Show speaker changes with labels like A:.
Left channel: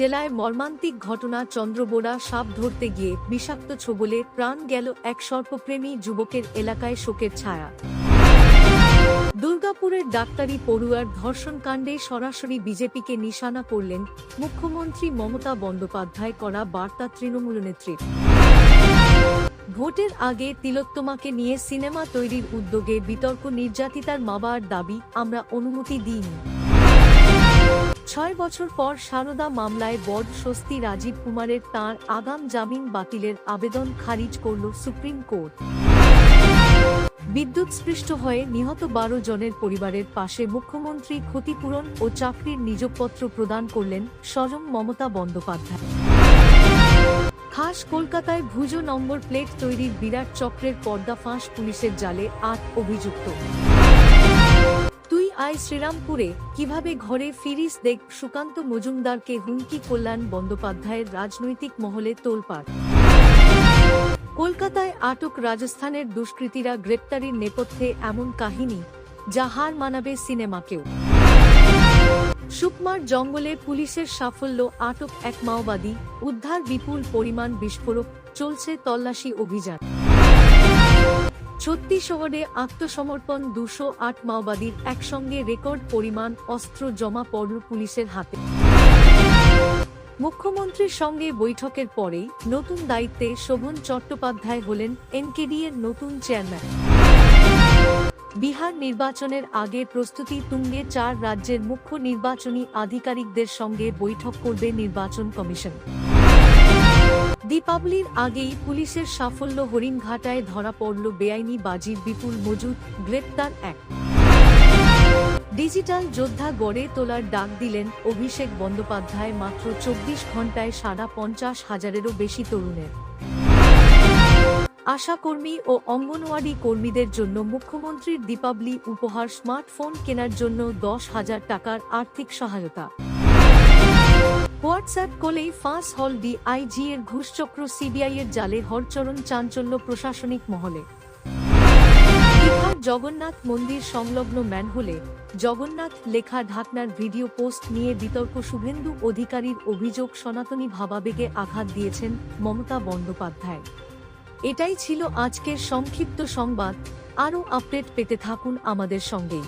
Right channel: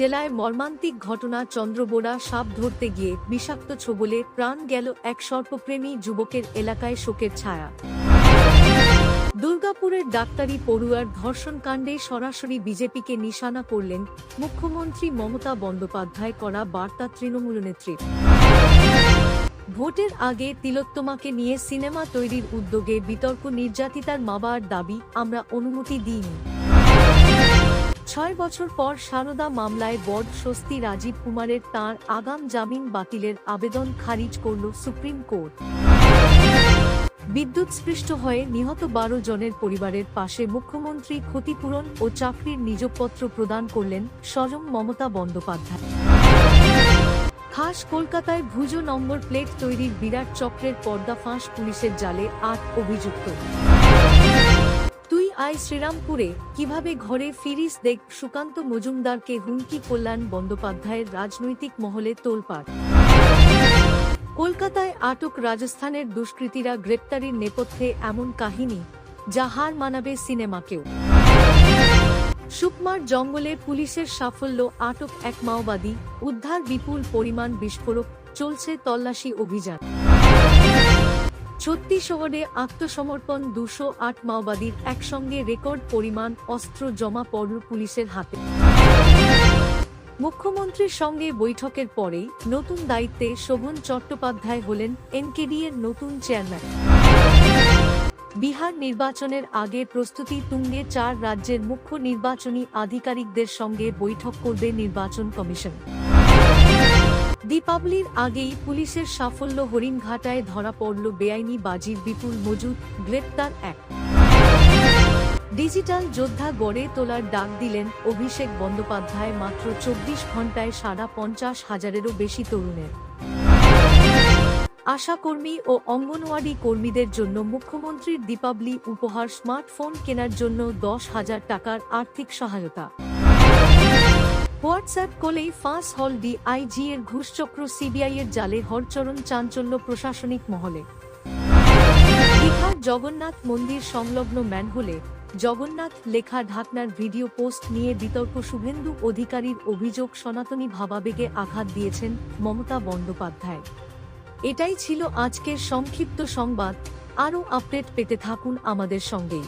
A: জেলায় মর্মান্তিক ঘটনা চন্দ্রবোড়া সাপ ধরতে গিয়ে বিষাক্ত ছোবলে প্রাণ গেল এক সর্পপ্রেমী যুবকের এলাকায় শোকের ছায়া। দুর্গাপুরের ডাক্তারি পড়ুয়ার ধর্ষণকাণ্ডে সরাসরি বিজেপিকে নিশানা করলেন মুখ্যমন্ত্রী মমতা বন্দ্যোপাধ্যায় করা বার্তা তৃণমূল নেত্রীর ভোটের আগে তিলোত্তমাকে নিয়ে সিনেমা তৈরির উদ্যোগে বিতর্ক নির্যাতিতার মাবার দাবি আমরা অনুমতি দিইনি। ছয় বছর পর সারদা মামলায় বড স্বস্তি রাজীব কুমারের তাঁর আগাম জামিন বাতিলের আবেদন খারিজ করল সুপ্রিম কোর্ট। বিদ্যুৎস্পৃষ্ট হয়ে নিহত বারো জনের পরিবারের পাশে মুখ্যমন্ত্রী ক্ষতিপূরণ ও চাকরির নিযোগপত্র প্রদান করলেন স্বয়ং মমতা বন্দ্যোপাধ্যায়। খাস কলকাতায় ভুজো নম্বর প্লেট তৈরির বিরাট চক্রের পর্দাফাঁস পুলিশের জালে আট অভিযুক্ত। আয় শ্রীরামপুরে কীভাবে ঘরে ফিরিস দেখ সুকান্ত মজুমদারকে হুমকি কল্যাণ বন্দ্যোপাধ্যায়ের রাজনৈতিক মহলে তোলপাড়। কলকাতায় আটক রাজস্থানের দুষ্কৃতীরা গ্রেপ্তারির নেপথ্যে এমন কাহিনী, যা হার মানাবে সিনেমাকেও। সুকমার জঙ্গলে পুলিশের সাফল্য আটক এক মাওবাদী, উদ্ধার বিপুল পরিমাণ বিস্ফোরক, চলছে তল্লাশি অভিযান। ছত্তিশগড়ে আত্মসমর্পণ দুশো আট মাওবাদীর একসঙ্গে রেকর্ড পরিমাণ অস্ত্র জমা পড়ল পুলিশের হাতে। মুখ্যমন্ত্রীর সঙ্গে বৈঠকের পরেই নতুন দায়িত্বে শোভন চট্টোপাধ্যায় হলেন এনকেডি এর নতুন চেয়ারম্যান। বিহার নির্বাচনের আগে প্রস্তুতি তুঙ্গে চার রাজ্যের মুখ্য নির্বাচনী আধিকারিকদের সঙ্গে বৈঠক করবে নির্বাচন কমিশন। দীপাবলির আগেই পুলিশের সাফল্য হরিণঘাটায় ধরা পড়ল বেআইনি বাজির বিপুল মজুদ, গ্রেপ্তার এক। ডিজিটাল যোদ্ধা গড়ে তোলার ডাক দিলেন অভিষেক বন্দ্যোপাধ্যায়, মাত্র চব্বিশ ঘন্টায় সাড়া পঞ্চাশ হাজারেরও বেশি তরুণের। আশাকর্মী ও অঙ্গনওয়াড়ি কর্মীদের জন্য মুখ্যমন্ত্রীর দীপাবলি উপহার, স্মার্টফোন কেনার জন্য দশ হাজার টাকার আর্থিক সহায়তা। হোয়াটসঅ্যাপ কলেই ফাঁস হল ডিআইজি এর ঘুষচক্র সিবিআই এর জালে হরচরণ চাঞ্চল্য প্রশাসনিক মহলে। দীঘার জগন্নাথ মন্দির সংলগ্ন ম্যানহোলে জগন্নাথ লেখা ঢাকনার ভিডিও পোস্ট নিয়ে বিতর্ক শুভেন্দু অধিকারীর অভিযোগ সনাতনী ভাবাবেগে আঘাত দিয়েছেন মমতা বন্দ্যোপাধ্যায়। এটাই ছিল আজকের সংক্ষিপ্ত সংবাদ। আরও আপডেট পেতে থাকুন আমাদের সঙ্গেই।